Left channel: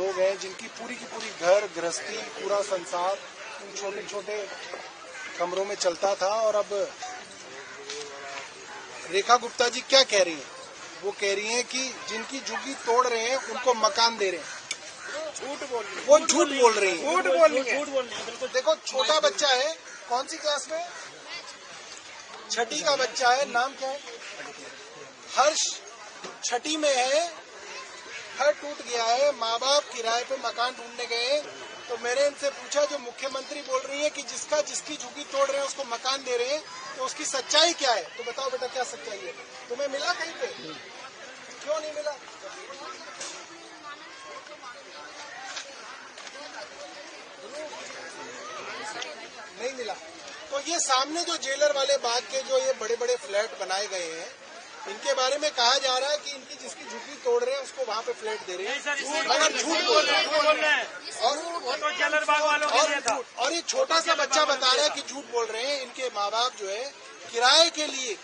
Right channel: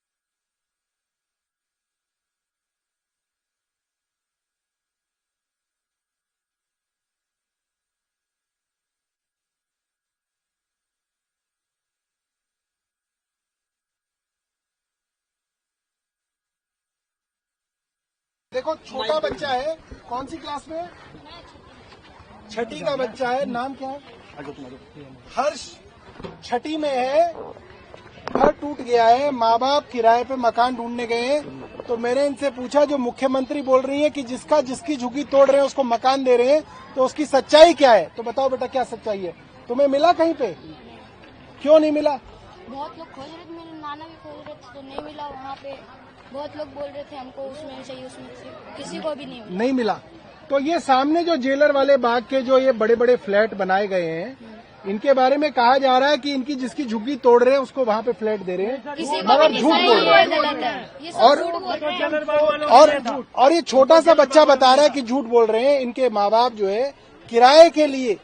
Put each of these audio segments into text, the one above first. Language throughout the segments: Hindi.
लोग हैं जिनकी पूरी की पूरी घर गृहस्थी पूरा संसार इन छोटे छोटे कमरों में चलता था। और अब रेखा गुप्ता जी क्या कह रही हैं? वो कह रही हैं कि जिनकी झुग्गी तोड़ रहे हैं उनको मकान दे रहे हैं। वो झूठ बोल रही है। देखो छोटा बच्चा है, कौन सी क्लास में? छठी का बच्चा है। नाम क्या है? हर्ष। छठी में है, घर टूट गया है, माँ बाप किराए पे मकान ढूंढने गए हैं। तो मैंने इनसे पूछा, जो मुख्यमंत्री बोल रही है कि जिसकी झुग्गी तोड़ रहे हैं उसको मकान दे रहे हैं, तो उसकी सच्चाई क्या है? तो बताओ बेटा क्या सच्चाई है? तुम्हें मिला कहीं पे? क्यों नहीं मिला? बहुत लोग खोज रहे थे, मेरे नाना भी खोज रहे थे तो नहीं मिला। वहाँ पे बहुत लोग बोल रहे थे हमको उसमें चाहिए, उसमें किसी को भी नहीं मिला। तो ये सामने जो जेलर वाले बाग के जो ये बड़े बड़े फ्लैट बनाए गए हैं, इनके बारे में कहा जा रहा है कि इनकी जिसकी झुग्गी तोड़ रहे हैं उसको वहाँ पे फ्लैट दे रहे हैं, मगर झूठ बोल रहे हैं। और ये छोटा सा बच्चा बता रहा है कि झूठ बोल रहे हैं। इनके माँ बाप जो है किराए के लिए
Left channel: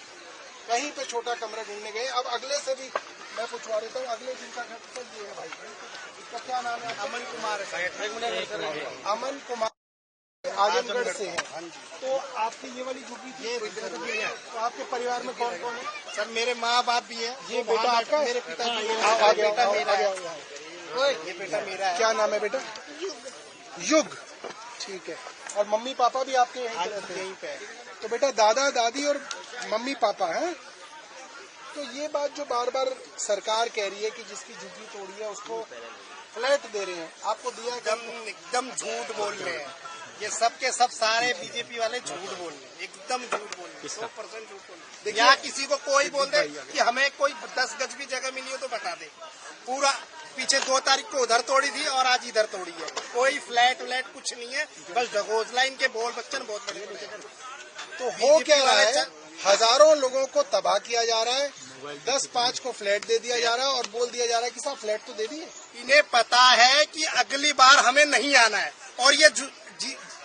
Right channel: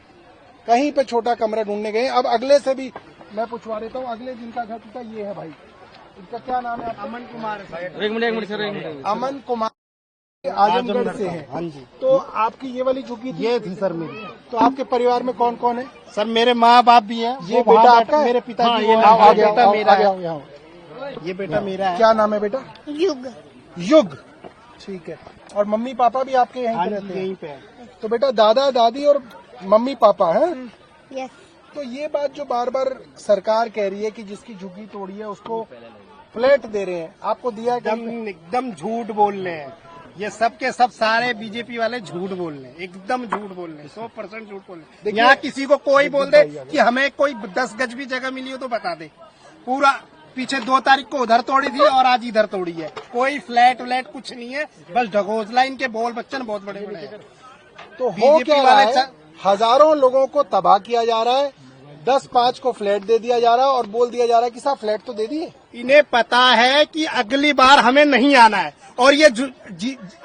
कहीं पे छोटा कमरा ढूंढने गए। अब अगले से भी मैं पूछवा देता हूँ, अगले जिनका घर टूटा ये है भाई, इनका क्या नाम है? अमन कुमार। एक मिनट सर। अमन कुमार आजमगढ़ से है। हाँ जी। तो आपकी ये वाली झुग्गी ये थी सर मेरी। तो आपके परिवार में कौन कौन है? सर मेरे माँ बाप भी हैं। ये बेटा आपका? मेरे पिता जी। बेटा मेरा। ये बेटा मेरा है। क्या नाम है बेटा? युग। युग, ठीक है। और मम्मी पापा भी आपके यहीं पे है? तो बेटा दादा दादी और मम्मी पापा है। तो ये बात जो बार बार सरकार कह रही है कि जिसकी झुग्गी तोड़ी है उसको फ्लैट दे रहे हैं, आपको दिया? एकदम झूठ बोल रहे हैं। ये सब के सब सारे बीजेपी वाले झूठ बोल रहे हैं, एकदम झूठ बोल रहे हैं, 100% झूठ बोल रहे हैं। यहाँ किसी को कोई बोल दे कि हमें कोई 10 गज भी जगह मिली हो तो बता दे। पूरा पीछे 2 तारीख को उधर तोड़ी थी और आज इधर तोड़ी है। कोई फ्लैट व्लैट कुछ नहीं है, बस ढगोसला इनके बोल बच्चन बहुत बड़े बड़े हैं। तो हो क्या रहा है? हजारों लोगों को तबाह किया जा रहा है, 10-5 को फ्लैट दे दिया जा रहा है और बोल दिया जा रहा है कि साहब फ्लैट तो दे दिए। इन्हें पता है कि अगली बार हमें नहीं आना है और ये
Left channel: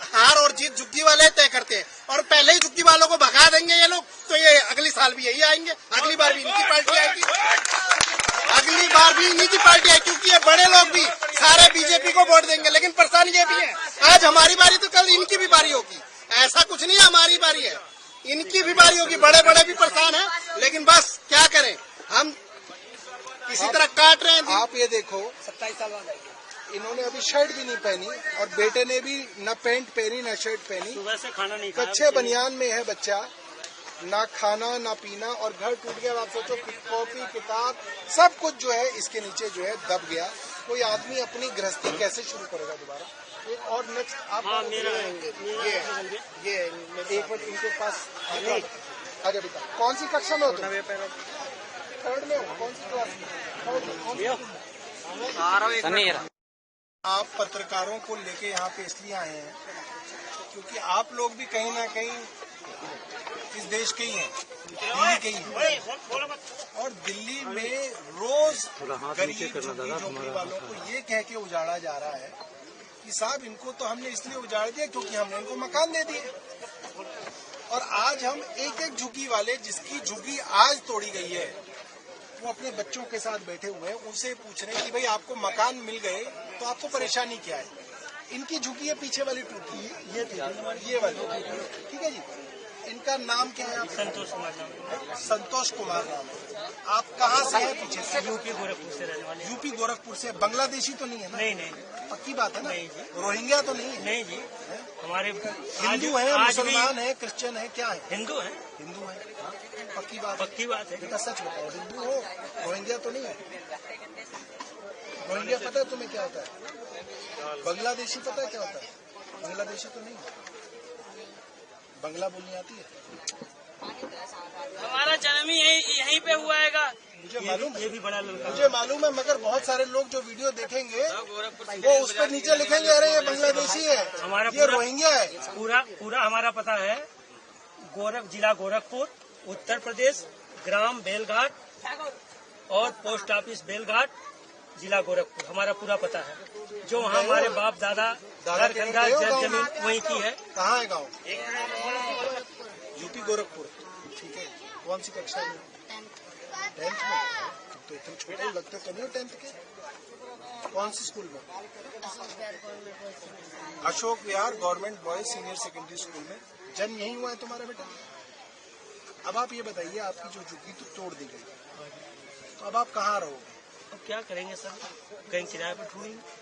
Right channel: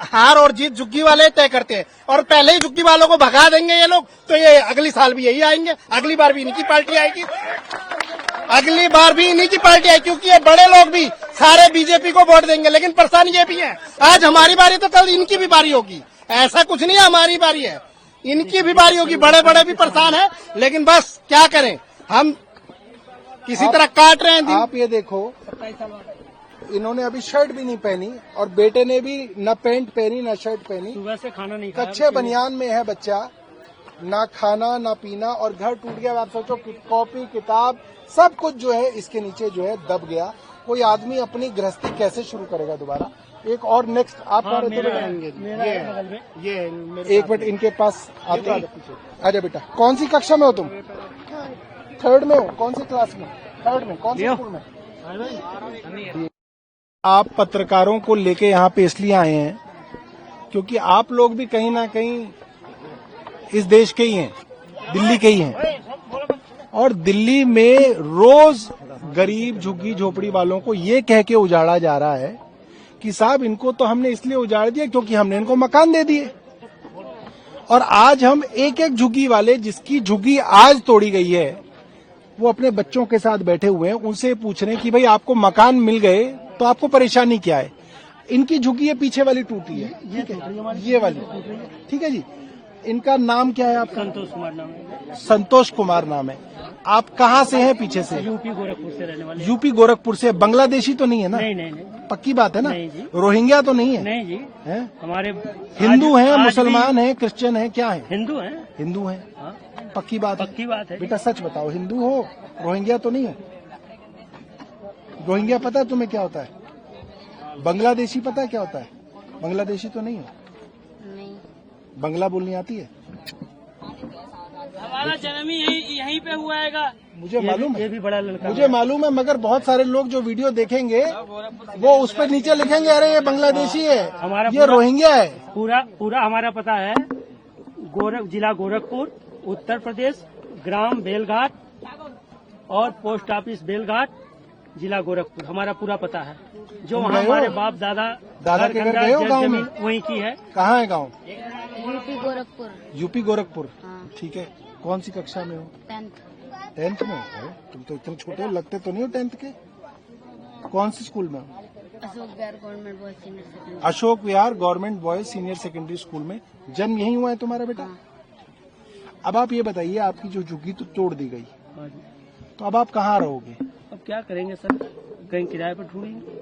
हार और जीत झुग्गी वाले तय करते हैं और पहले ही झुग्गी वालों को भगा देंगे ये लोग, तो ये अगली साल भी यही आएंगे। अगली बार भी इनकी पार्टी आएगी, अगली बार भी इन्हीं की पार्टी आएगी, क्योंकि ये बड़े लोग भी सारे बीजेपी को वोट देंगे। लेकिन परेशानी ये भी है, आज हमारी बारी तो कल इनकी भी बारी होगी। ऐसा कुछ नहीं है हमारी बारी है, इनकी भी बारी होगी। बड़े बड़े भी परेशान है, लेकिन बस क्या करें, हम किसी तरह काट रहे हैं। आप ये देखो, 27 साल बाद इन्होंने अभी शर्ट भी नहीं पहनी और बेटे ने भी न पैंट पहनी न शर्ट पहनी। सुबह से खाना नहीं खाया, कच्चे बनियान में है बच्चा, ना खाना ना पीना, और घर टूट गया। आप सोचो कॉपी किताब सब कुछ जो है इसके नीचे जो है दब गया। कोई आदमी अपनी गृहस्थी कैसे शुरू करेगा दोबारा? एक और नेक्स्ट आप ये एक मिनट इनके पास आजा बेटा। कौन सी कक्षा में हो तुम? 3rd में हो? कौन सी क्लास में? 3rd में। कौन सी स्कूल में? आप पत्रकारों को लेके यहाँ पे इसलिए आए हैं क्योंकि आप लोग भी कहीं ना कहीं इस देश के ही हैं, दिल्ली के ही हैं, और दिल्ली में रोज गरीब झुग्गी झोपड़ी वालों को ये कह के उजाड़ा जा रहा है कि साहब इनको तो हमने इसलिए उजाड़ दिया क्योंकि हमने इनको मकान दे दिए। और आज हम एक एक झुग्गी वाले जिसकी झुग्गी आज तोड़ी गई है वो अपने बच्चों के साथ बैठे हुए हैं, उनसे पूछ रहे हैं कि भाई आपको मकान मिल गए तो आपको परेशानी क्या है? इनकी झुग्गी ये पीछे वाली टूटी है, ये वाली, ठीक है जी। इनका नाम क्या है आपका? संतोष कुमार नाम है। संतोष कुमार नाम है। आप कहाँ से हैं? पीछे से? यूपी गोरखपुर से रहने वाले। यूपी गोरखपुर से। बांग्लादेशी तो नहीं है ना? नहीं। पक्की बात है ना? नहीं जी। रोहिंग्या तो नहीं है? नहीं जी। है? हमारे हिंदू हैं, मुसलमान हैं, क्रिश्चियन हैं, क्या है? हिंदू हैं। हिंदू हैं। पक्की बात है? पक्की बात है बेटा सच बताओ, हिंदू हो? रोहिंग्या तो नहीं है? रोहिंग्या पता है तुम्हें क्या होता है? बांग्लादेशी पता है क्या होता है? बांग्लादेशी तो नहीं है? बंगला बोलनी आती है? हमारा जन्म ही यहीं पे हुआ है। मुझे मालूम है, ये भी बड़ा लड़का, मुझे मालूम है, मगर बहुत सारे लोग जो वीडियो देखेंगे वो उस पर नीचे लिखेंगे अरे ये बांग्लादेशी है, ये रोहिंग्या है। पूरा हमारा पता है। जिला गोरखपुर, उत्तर प्रदेश, ग्राम बेलघाट और पोस्ट ऑफिस बेलघाट, जिला गोरखपुर, हमारा पूरा पता है। जो हमारे बाप दादा के घर गए हो गाँव में? वहीं की है। कहाँ है गाँव? यूपी गोरखपुर। यूपी गोरखपुर, ठीक है। कौन सी कक्षा में हो? 10th में। तुम तो इतने छोटे हो, लगते तो नहीं हो 10th के। कौन सी स्कूल में? Ashok Bihar Ashok Vihar government government boys senior boys senior secondary school में जन्म यही हुआ है तुम्हारा बेटा? अब आप ये बताइए, आपकी जो झुग्गी तो तोड़ दी गई, तो अब आप कहाँ रहोगे? अब क्या करेंगे सर, कहीं किराए पर ढूंढेंगे।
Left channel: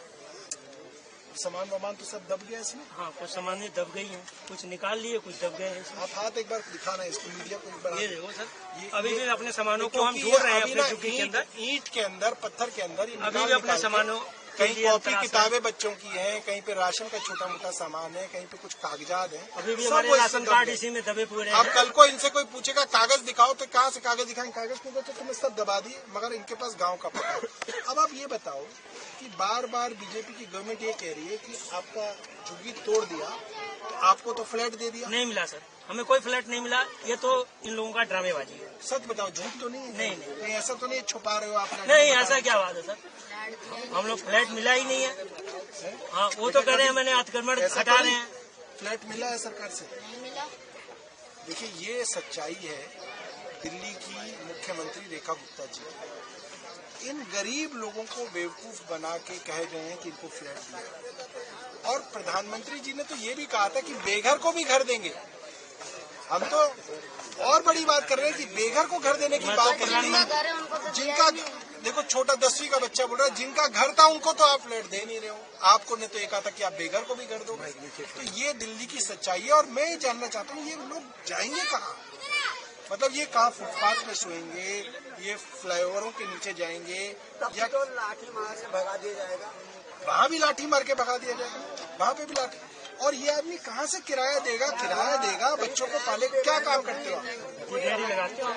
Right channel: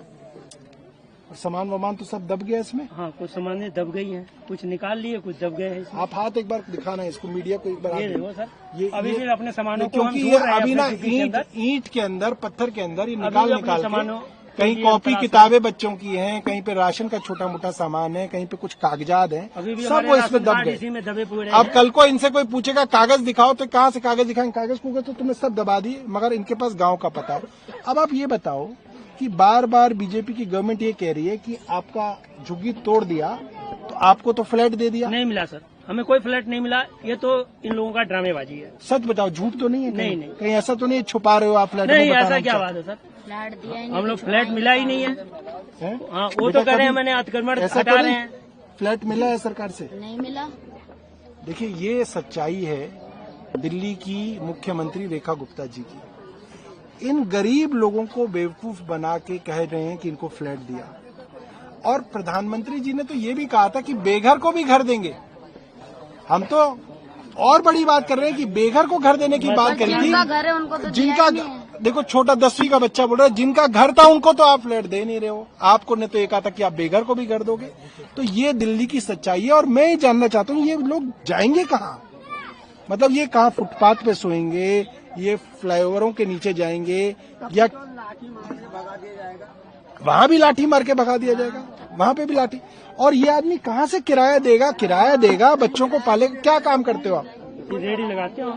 सामान वामान तो सब दब गया इसमें? हाँ, कुछ सामानें दब गई हैं, कुछ निकाल लिए, कुछ दब गए हैं इसमें। आप हाथ एक बार दिखाना है इसको, मीडिया को एक बार ये हाथ देखो सर, ये अभी भी अपने सामानों को क्योंकि हम ये ढूंढ रहे हैं अभी अपनी ना झुग्गी के अंदर। ईंट के अंदर, पत्थर के अंदर ये अभी भी निकाल अपने के सामानों कहीं के लिए कॉपी तलाश किताबें बच्चों की हैं, कहीं पे राशन का छोटा मोटा सामान है, कहीं पे कुछ कागजात हैं, अभी भी सब हमारे वो इसमें राशन दब कार्ड गए। इसी में दबे पूरे अब हैं। कल को इनसे कोई पूछेगा कागज दिखाओ, तो कहाँ से कागज दिखाएंगे? कागज पूछो तो तुमने सब दबा दी, मगर इनके पास गांव का पता है। अब आप ये बताओ कि बार बार बीजेपी की गवर्नमेंट ये कह रही है कि आपका झुग्गी तोड़ दिया तो आपको तो फ्लैट दे दिया। नहीं मिला सर, हमें कोई फ्लैट नहीं मिला, ये तो इन लोगों का ड्रामेबाजी है। सच बताओ, झूठ तो नहीं है? नहीं, नहीं। कहीं ऐसा तो नहीं छुपा रहे हो आप फ्लैट? नहीं, बताना ऐसा क्या हमसे। बात है सर, फ्लैट दिया ही हम लोग फ्लैट मिला ही नहीं है। हैं? हाँ, वो बेटा, तो कह रहे हैं कभी मैंने अतिक्रमण ऐसा हटा तो रहे नहीं? हैं। फ्लैट मिला है सरकार से? नहीं मिला। देखिए, ये सच्चाई है दिल्ली की मुख्यमंत्री रेखा गुप्ता जी की। इन गरीब लोगों को बेवकूफ बना के कह रहे हैं कि इनको फ्लैट दिया, और प्रधानमंत्री जी ने तो ये भी कहा था कि बेघर को भी घर देंगे। हम तो और बड़ी बात कर रहे हैं कि बेघर को घर देने की बात करी जिनका थी। घर है उनको तो जिनका दिया ही नहीं। देखो, छोटा 10वीं का बच्चा बोल रहा है, जिनका घर था उनको तो आप फ्लैट दे नहीं रहे हो। आपको ने तो ये कहा था कि आप बेघर को भी घर दोगे। तो ये दिल्ली की सच्चाई है, और मैं ये जानना चाहता हूँ ये लोग जाएंगे कहाँ? मतलब ये कहाँ फुटपाथ पे सोएंगे, ये फ्लाईओवरों के नीचे जाएंगे, या लाठी मार के भगा दिया जाएगा? वहाँ भी लाठी मार के भगा दिया जाएगा, वहाँ पे भी लाठी। और ये आदमी कहाँ से किराया देगा? किराया देगा, बच्चों को पालेगा। क्या काम करते हो आप? रेडी लगाते हो?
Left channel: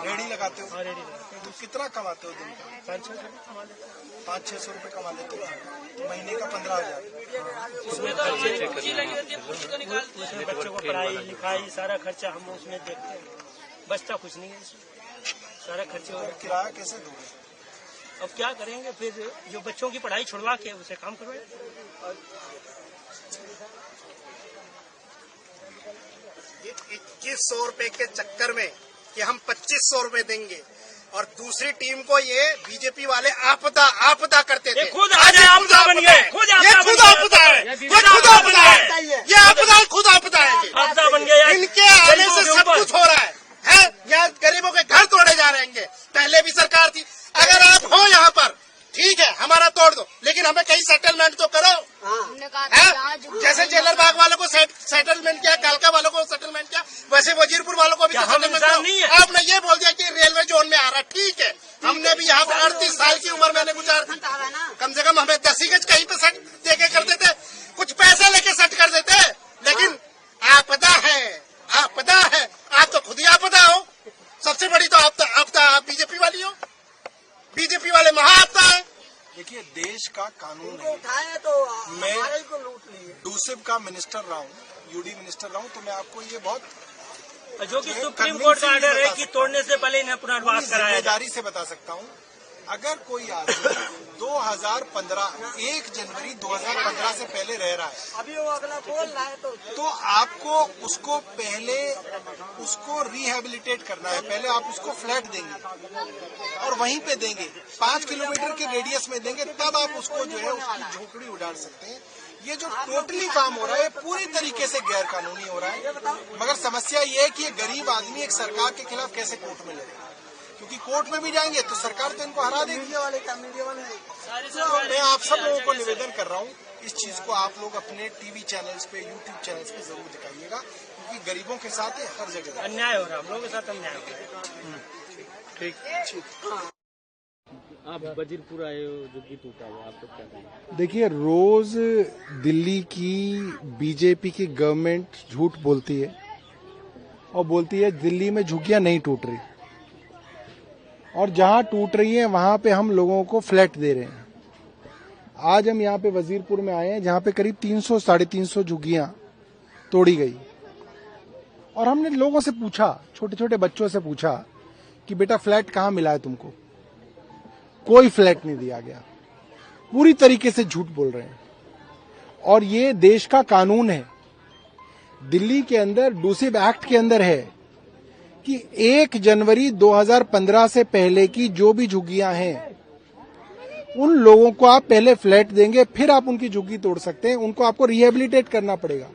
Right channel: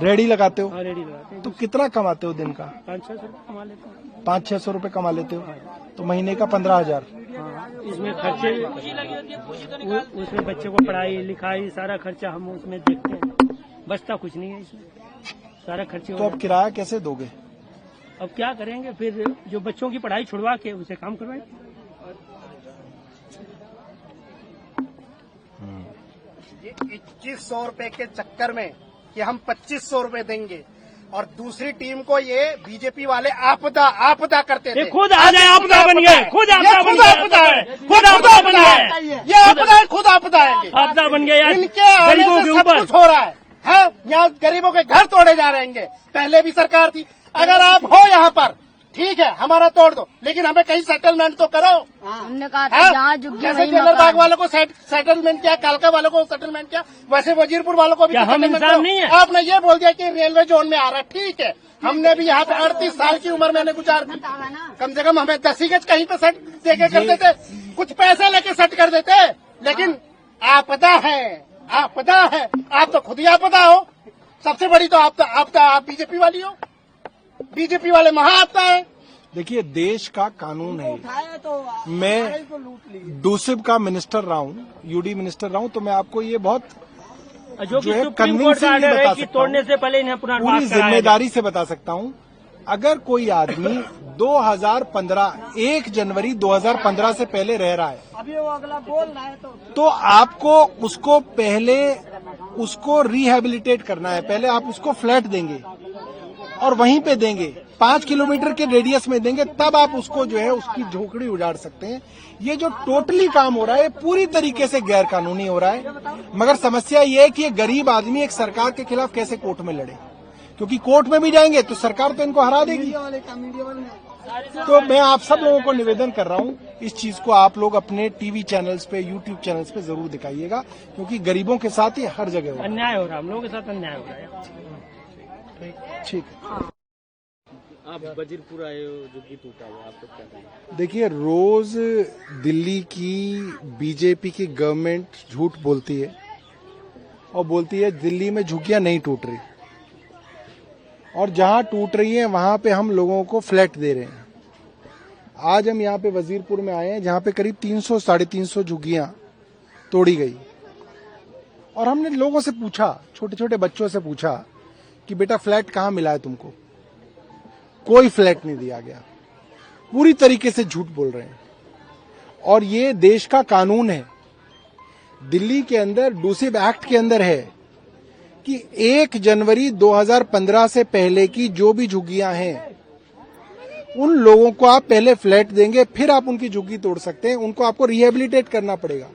रेडी लगाते हो? हाँ, रेडी लगाते तो कितना कमाते हो दिन का? 500 कमा लेते हैं। 500-600 रुपए कमा लेते हो, तो महीने का 15,000। उसमें खर्चे, उसमें बच्चों को पढ़ाई लिखाई सारा खर्चा हम उसमें देखते हैं, बचता कुछ नहीं है इसमें, सारा खर्चे। तो अब किराया कैसे दोगे? अब क्या करेंगे फिर, जो बच्चों की पढ़ाई छुड़वा के उसे काम करवाए। 2100 रुपए के चक्कर में कि हम 2500 रुपए देंगे, और दूसरी टीम को ये बीजेपी वाले आपदा करते थे। ये खुद आ जाए आपदा बन गए, खुद ये खुद आपदा है, खुद आपदा है, ये आपदा खुद आपदा है। आपदा बन गए। इनके आने से सब कुछ हो रहा है। यहाँ गरीबों के घर तोड़े जा रहे हैं। पहले भी सरकार थी। अगर आप हो यहाँ पर, ठीक है, हमारा तोड़ दो, लेकिन हमें कहीं सेटलमेंट तो करो। हमने कहा था हाँ? जहाँ झुग्गी जैसे वहीं जेलर बाग मकान। वालों को सेटलमेंट किया, कालका वालों को सेटलमेंट किया, वैसे वजीरपुर वालों को भी क्या तो हम सेटलमेंट इंसान करो। नहीं है? आपने ये बोल दिया कि रेलवे जोन में आ रहा है, ठीक है, हमने भी यहाँ पे 38 साल की उम्र मैंने गुजारी, कम से कम हमें 10 गज कहीं पे सेट देके कर देते, कुछ पैसे लेके सेट कर देते, लेकिन आपदा है, आपदा है। आप तो खुद ही आपदा हो, सबसे बड़ी तो आपदा आप बीजेपी वाली हो, बीजेपी वाले महाआपदा है। देखिए, देश का कानून है। उठाए तो मैं हमारे को लूट लिए। डूसिब का मिनिस्टर रहा हूँ, यूडी मिनिस्टर रहा हूँ, तो मैं आपको ये बहुत जो कि जो है सुप्रीम कोर्ट का convincingly ऑर्डर है बता कि सकता हूँ। तोड़ने से पहले इन्हें पूरी पुनर्वास कराया जाए। जिम्मेदारी से बता सकता हूँ। अगर कोई आदमी 2015 1 जनवरी 2015 से पहले रह रहा है, अभी वो अगला बोल रहा है तो आपको उसको पहले उसको रिहेबिलिटेट करना है। पहले आप उसको फ्लैट देंगे और वहीं पे देंगे, 5 किलोमीटर के रेडियस में देंगे, तब आप उसको जो है उसकी झोपड़ी उजाड़ सकते हैं। ये जो टोटली काम हो रहा है पूरी तरीके से गैर कानूनी हो रहा है। मगर समस्या ये है कि ये गरीब आदमी एक सरकार के खिलाफ कैसे कोर्ट में लड़े, क्योंकि कोर्ट में भी जाएंगे तो सरकार तो इनको हरा देगी। मीडिया वाले हैं। तो मैं आप सब लोगों को निवेदन कर रहा हूँ, इस चीज को आप लोग अपने टीवी चैनल्स पे, यूट्यूब चैनल्स पे जरूर दिखाइएगा, क्योंकि गरीबों के साथ ही हर जगह हो रहा है। अन्याय हो रहा है, हम लोगों के साथ अन्याय हो रहा है। ठीक। आप वजीरपुर आए हो, झुग्गी टूटा हुआ, आप तो क्या कहेंगे? देखिए, रोज दिल्ली की बीजेपी की गवर्नमेंट झूठ बोलती है और बोलती है दिल्ली में झुग्गियां नहीं टूट रही, और जहां टूट रही है वहां पे हम लोगों को फ्लैट दे रहे हैं। आज हम यहाँ पे वजीरपुर में आए हैं, जहां पे करीब 300-350 झुग्गियां तोड़ी गई, और हमने लोगों से पूछा, छोटे छोटे बच्चों से पूछा कि बेटा फ्लैट कहाँ मिला है तुमको? कोई फ्लैट नहीं दिया गया। पूरी तरीके से झूठ बोल रहे हैं, और ये देश का कानून है। दिल्ली के अंदर डूसिब एक्ट के अंदर है कि 1 जनवरी 2015 से पहले की जो भी झुग्गियां हैं उन लोगों को आप पहले फ्लैट देंगे, फिर आप उनकी झुग्गी तोड़ सकते हैं। उनको आपको रिहेबिलिटेट करना पड़ेगा।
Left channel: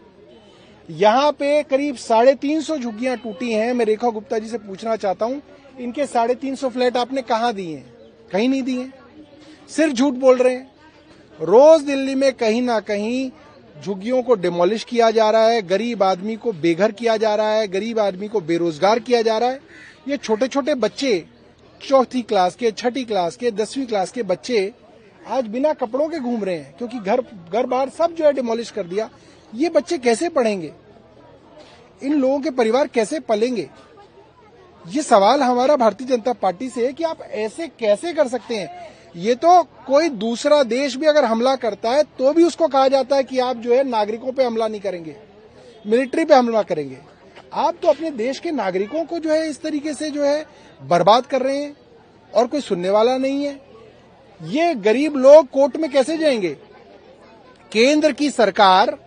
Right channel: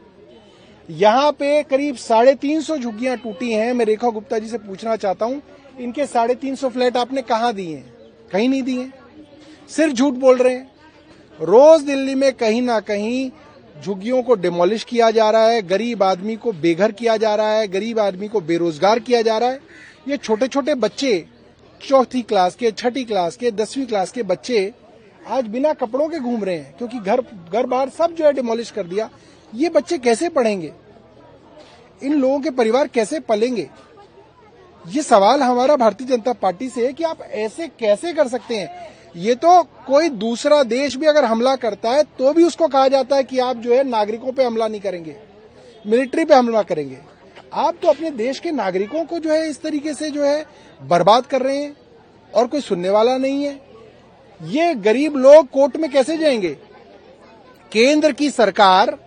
यहाँ पे करीब 350 झुग्गियां टूटी हैं। मैं रेखा गुप्ता जी से पूछना चाहता हूं, इनके 350 फ्लैट आपने कहाँ दिए हैं? कहीं नहीं दिए, सिर्फ झूठ बोल रहे हैं। रोज दिल्ली में कहीं ना कहीं झुग्गियों को डिमोलिश किया जा रहा है, गरीब आदमी को बेघर किया जा रहा है, गरीब आदमी को बेरोजगार किया जा रहा है। ये छोटे छोटे बच्चे, 4th क्लास के, 6ठी क्लास के, 10वीं क्लास के बच्चे आज बिना कपड़ों के घूम रहे हैं, क्योंकि घर बार सब जो है डिमोलिश कर दिया। ये बच्चे कैसे पढ़ेंगे? इन लोगों के परिवार कैसे पलेंगे? ये सवाल हमारा भारतीय जनता पार्टी से है कि आप ऐसे कैसे कर सकते हैं? ये तो कोई दूसरा देश भी अगर हमला करता है तो भी उसको कहा जाता है कि आप जो है नागरिकों पे हमला नहीं करेंगे, मिलिट्री पे हमला करेंगे। आप तो अपने देश के नागरिकों को जो है इस तरीके से जो है बर्बाद कर रहे हैं और कोई सुनने वाला नहीं है। ये गरीब लोग कोर्ट में कैसे जाएंगे? केंद्र की सरकार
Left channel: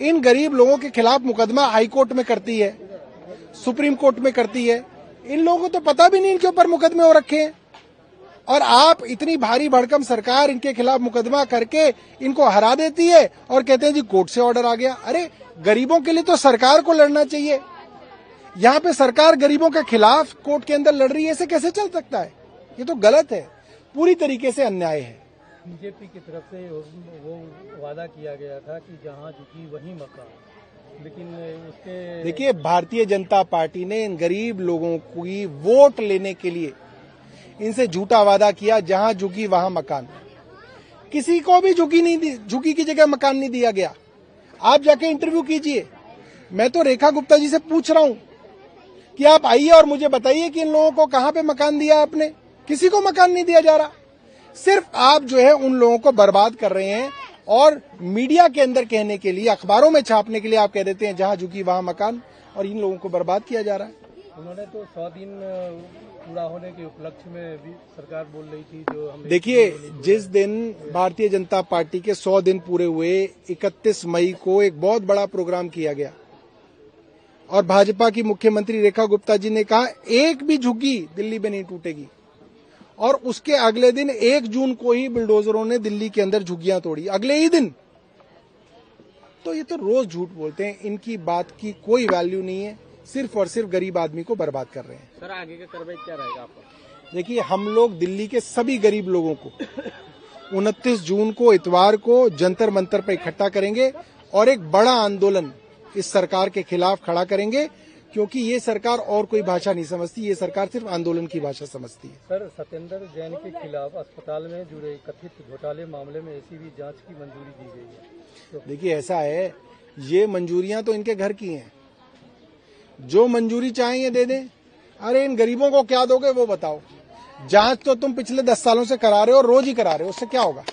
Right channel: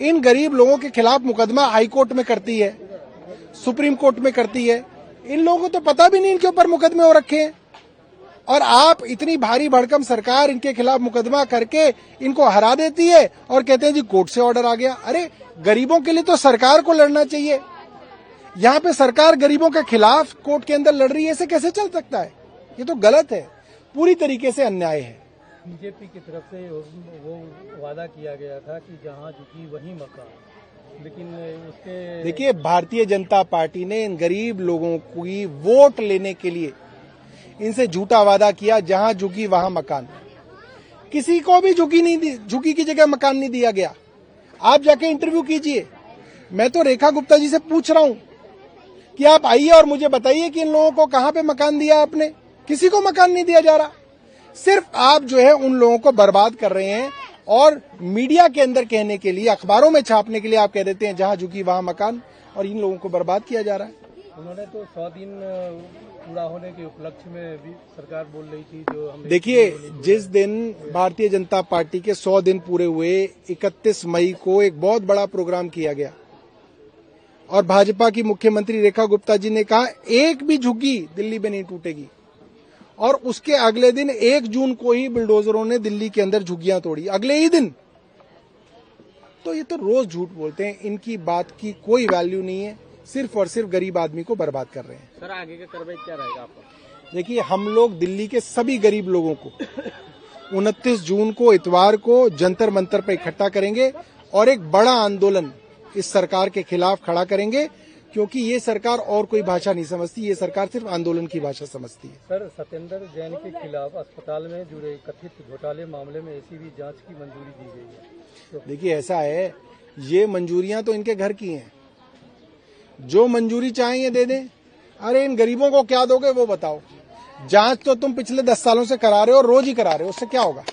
इन गरीब लोगों के खिलाफ मुकदमा हाई कोर्ट में करती है, सुप्रीम कोर्ट में करती है। इन लोगों को तो पता भी नहीं इनके ऊपर मुकदमे हो रखे हैं, और आप इतनी भारी भड़कम सरकार इनके खिलाफ मुकदमा करके इनको हरा देती है और कहते हैं जी कोर्ट से ऑर्डर आ गया। अरे गरीबों के लिए तो सरकार को लड़ना चाहिए। यहाँ पे सरकार गरीबों के खिलाफ कोर्ट के अंदर लड़ रही है, ऐसे कैसे चल सकता है? ये तो गलत है, पूरी तरीके से अन्याय है। बीजेपी की तरफ से वो वादा किया गया था कि जहां झुकी वहीं मकान, लेकिन उसके देखिए, भारतीय जनता पार्टी ने इन गरीब लोगों की वोट लेने के लिए इनसे झूठा वादा किया, जहां झुकी वहां मकान। किसी को भी झुकी की जगह मकान नहीं दिया गया। आप जाके इंटरव्यू कीजिए। मैं तो रेखा गुप्ता जी से पूछ रहा हूं कि आप आइए और मुझे बताइए कि इन लोगों को कहां पे मकान दिया आपने? किसी को मकान नहीं दिया जा रहा। सिर्फ आप जो है उन लोगों को बर्बाद कर रहे हैं, और मीडिया के अंदर कहने के लिए, अखबारों में छापने के लिए आप कह देते हैं जहां झुकी वहां मकान, और इन लोगों को बर्बाद किया जा रहा है। उन्होंने तो 100 दिन पूरा होने के उपलक्ष्य में भी सरकार बोल रही थी, जो हम देखिए, जिस दिन भारतीय जनता पार्टी के 100 दिन पूरे हुए, 31 मई को एक बहुत बड़ा प्रोग्राम किया गया, और भाजपा की मुख्यमंत्री रेखा गुप्ता जी ने कहा एक भी झुग्गी दिल्ली में नहीं टूटेगी, और उसके अगले दिन 1 जून को ही बुलडोजरों ने दिल्ली के अंदर झुग्गियां तोड़ी, अगले ही दिन। तो ये तो रोज झूठ बोलते हैं, इनकी बात की कोई वैल्यू नहीं है, सिर्फ और सिर्फ गरीब आदमी को बर्बाद कर रहे हैं। सर, आगे का कार्रवाई क्या रहेगा आपका? देखिए, हम लोग दिल्ली के सभी गरीब लोगों को 29 जून को इतवार को जंतर मंतर पर इकट्ठा करेंगे और एक बड़ा आंदोलन इस सरकार के खिलाफ खड़ा करेंगे, क्योंकि ये सरकार और कोई भाषा नहीं समझती, ये सरकार सिर्फ आंदोलन की भाषा समझती है। सर, सत्येंद्र जैन के खिलाफ अस्पताल में जुड़े कथित घोटाले मामले में एसीबी जांच की मंजूरी दी गई है। तो देखिए, ऐसा है, ये मंजूरियां तो इनके घर की हैं, जो मंजूरी चाहेंगे दे दें। अरे इन गरीबों को क्या दोगे वो बताओ? जांच तो तुम पिछले 10 सालों से करा रहे हो, रोज ही करा रहे हो, उससे क्या होगा?